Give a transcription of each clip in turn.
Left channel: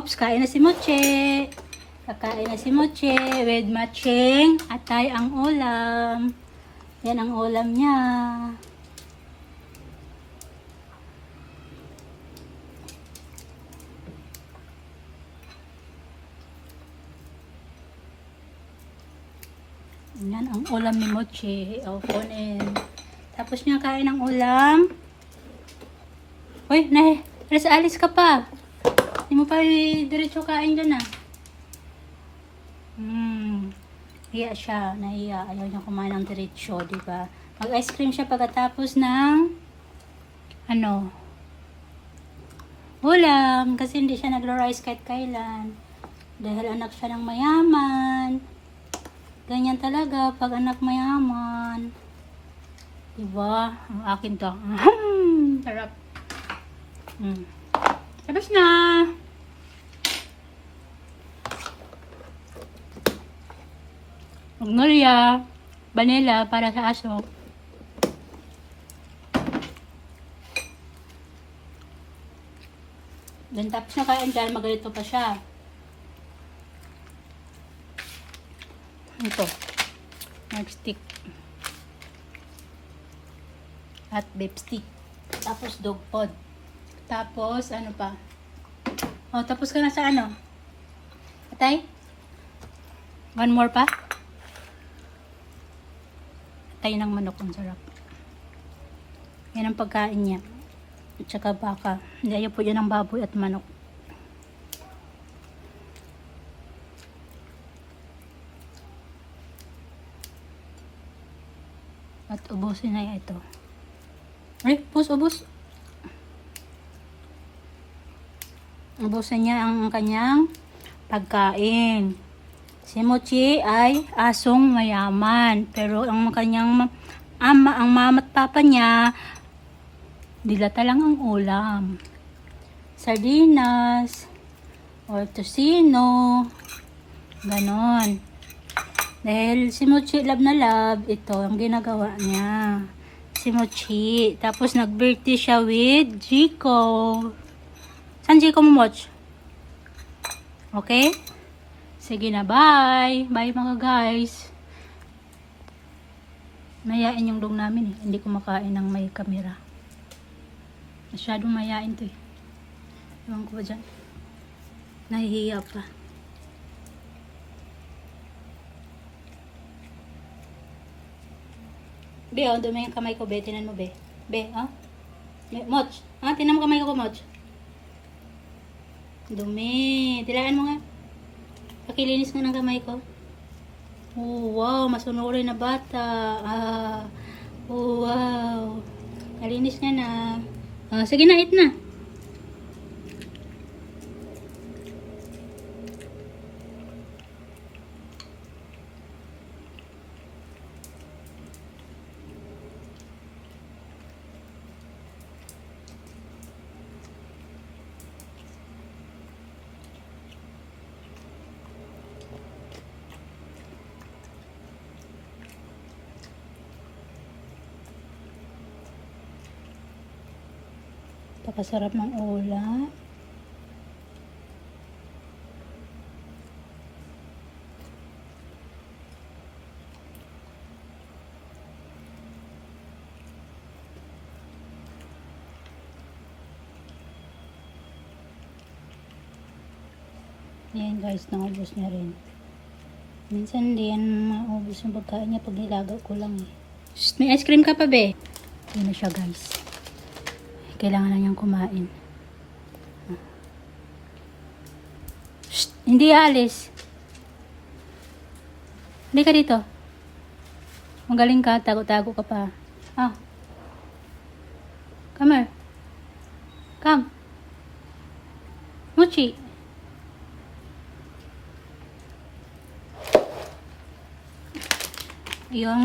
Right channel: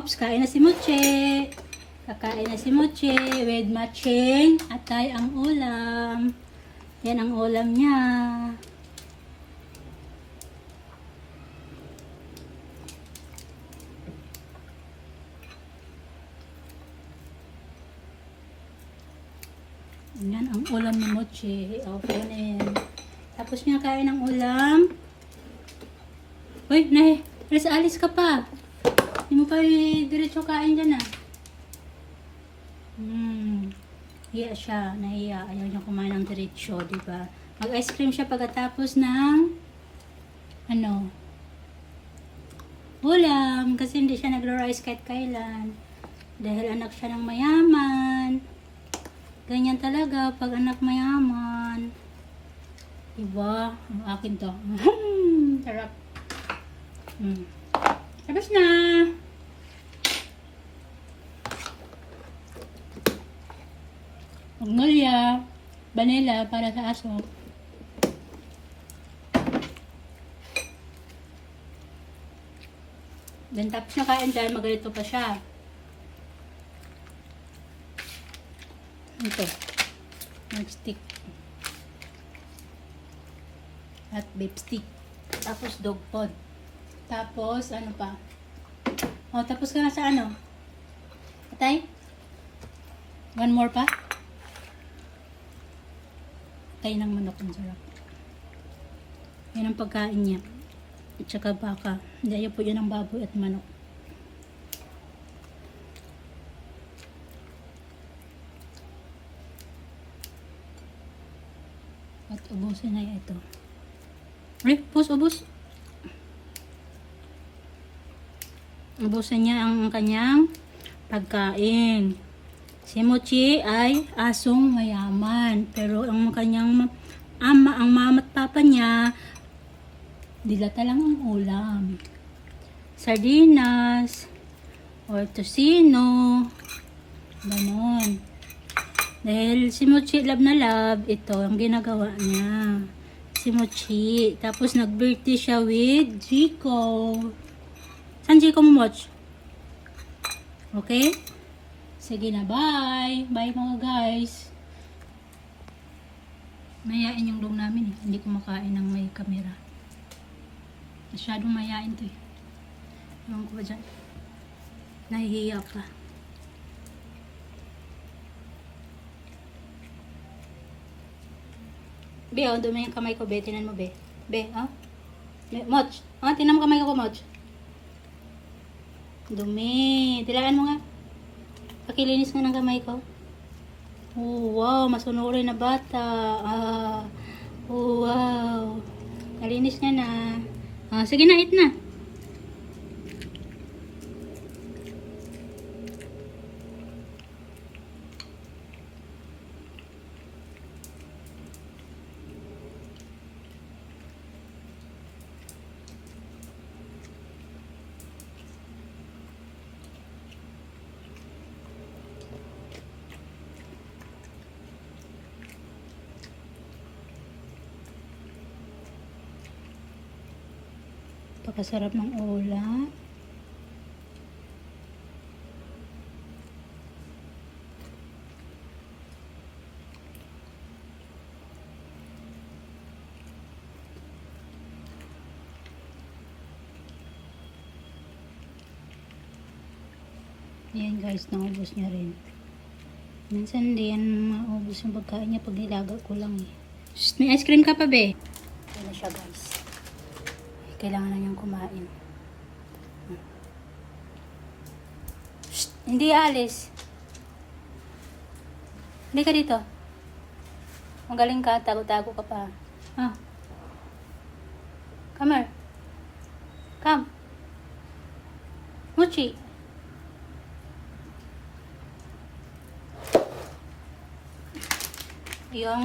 Oops, kain na si Moche. Kakain na si Moche with matching atay ang ulam. Yan ang ulam niya. Yan ang ulam ni Mochi. O, phone in. Tapos niya kain ng ulam. Uy. Alis, alis ka pa. Hindi mo pa diretso kain dyan ah. Hmm. Hiya siya. Nahiya. Ayaw niya kumain ng diretso, di ba? Mag-ice cream siya pagkatapos ng ano, ulam. Kasi hindi siya nagro-rice kahit kailan. Dahil anak siya ng mayaman. Ganyan talaga pag anak mayaman. Diba? Ang akin to. Sarap. Mm. Tapos na. Magnolia. Vanilla para sa aso. Then tapos na kain dahil magalito pa siya. Ito. Nag-stick. At beef stick. Tapos dog pod. Tapos, ano pa? O, tapos ka na sa ano? Atay? One more pa? Atay ng manok. Ang sarap. Yan ang pagkain niya. At saka baka. Hindi ayaw po yan ng baboy at manok. At ubusin na ito. Ay, ubus, ubus. Ubusin niya ang kanyang pagkain. Si Mochi ay asong mayaman. Pero ang kanyang ma- ama, ang mama at papa niya, dilata lang ang ulam. Sardinas, or tosino, ganon. Dahil si Mochi love na love, ito ang ginagawa niya. Si Mochi. Tapos nag-birthday siya with Jico. Saan Jico mo, Moch? Okay? Sige na, bye. Bye mga guys. Mayain yung dog namin eh. Hindi kumakain ng may kamera. Masyadong mayain to eh. Ewan ko ba dyan? Nahihiya pa. Be, oh, dumi yung kamay ko, be. Tinan mo, be. Be, oh. Be, Moch. Oh, tinan mo kamay ko, Moch. Dumi. Tilaan mo nga. Pakilinis nga ng kamay ko. Oh, wow. Masunurin na bata. Ah. Oh, wow. Nalinis nga na. Ah, sige na, eat na. Pakasarap ng ulam. Ayan guys, naubos niya rin. Minsan hindi yan maubos yung pagkain niya pag nilaga ko lang eh. May ice cream ka pa be? Ano siya guys. Kailangan na niyang kumain. Shh, hindi alis. Hindi ka dito. Magaling ka, tago-tago ka pa. Oh. Come here. Come. Muchi. Yung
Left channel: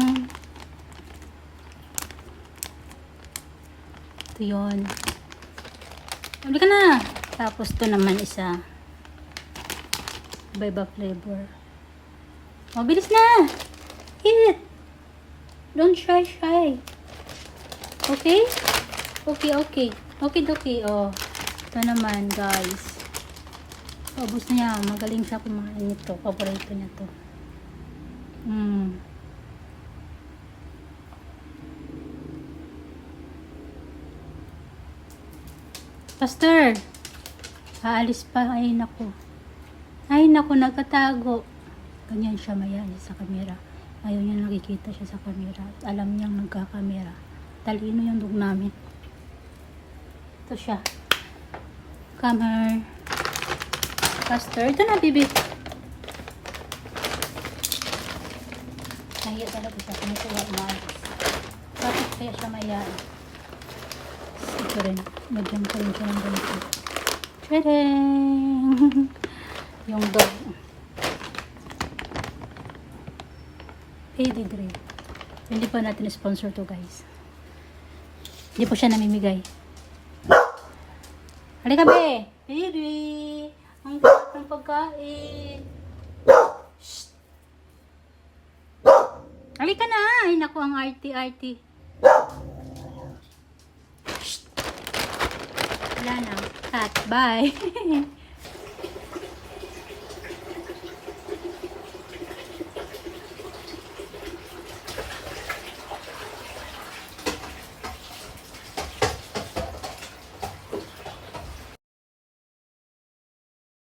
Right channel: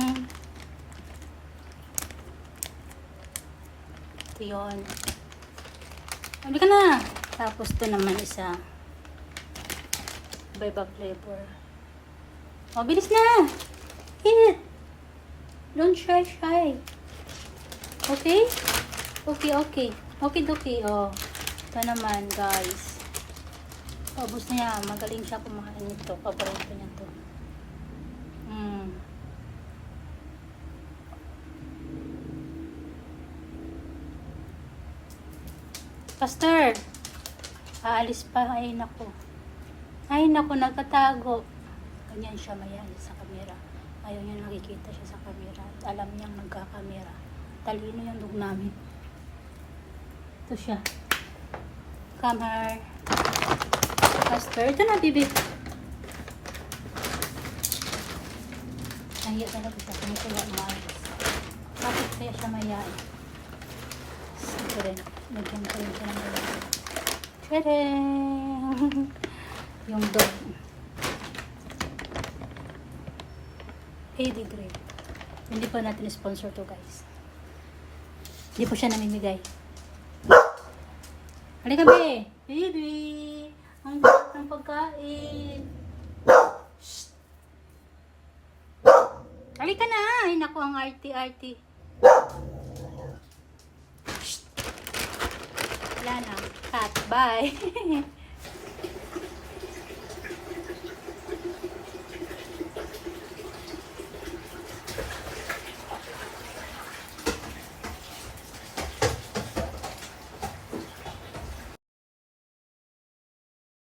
Ito yun. Sabi ka na. Tapos to naman isa. Iba-iba flavor. O, bilis na. Eat. Don't shy shy. Okay? Okay, okay. Okay, okay. Oh. Ito naman, guys. Paubos niya. Magaling siya kumain nito. Paborito niya to. Mm. Pastor, aalis pa. Ay, naku. Ay, naku, nagkatago. Ganyan siya mayan sa kamera. Ayaw niya nakikita siya sa kamera. Alam niya nagkakamera. Talino yung dog namin. Ito siya. Come here. Pastor, ito na, bibi. Nahiya talaga siya kung siya umalis. Bakit kaya siya mayan? Ito rin. Naging ko yung siya ng ganito. Tadang! yung dog. Pedigree. Hindi pa natin sponsor to guys. Hindi po siya namimigay. Halika be! Baby! Ang sarap ng pagkain! Shh! Halika na! Ay naku, ang arty-arty. Bye!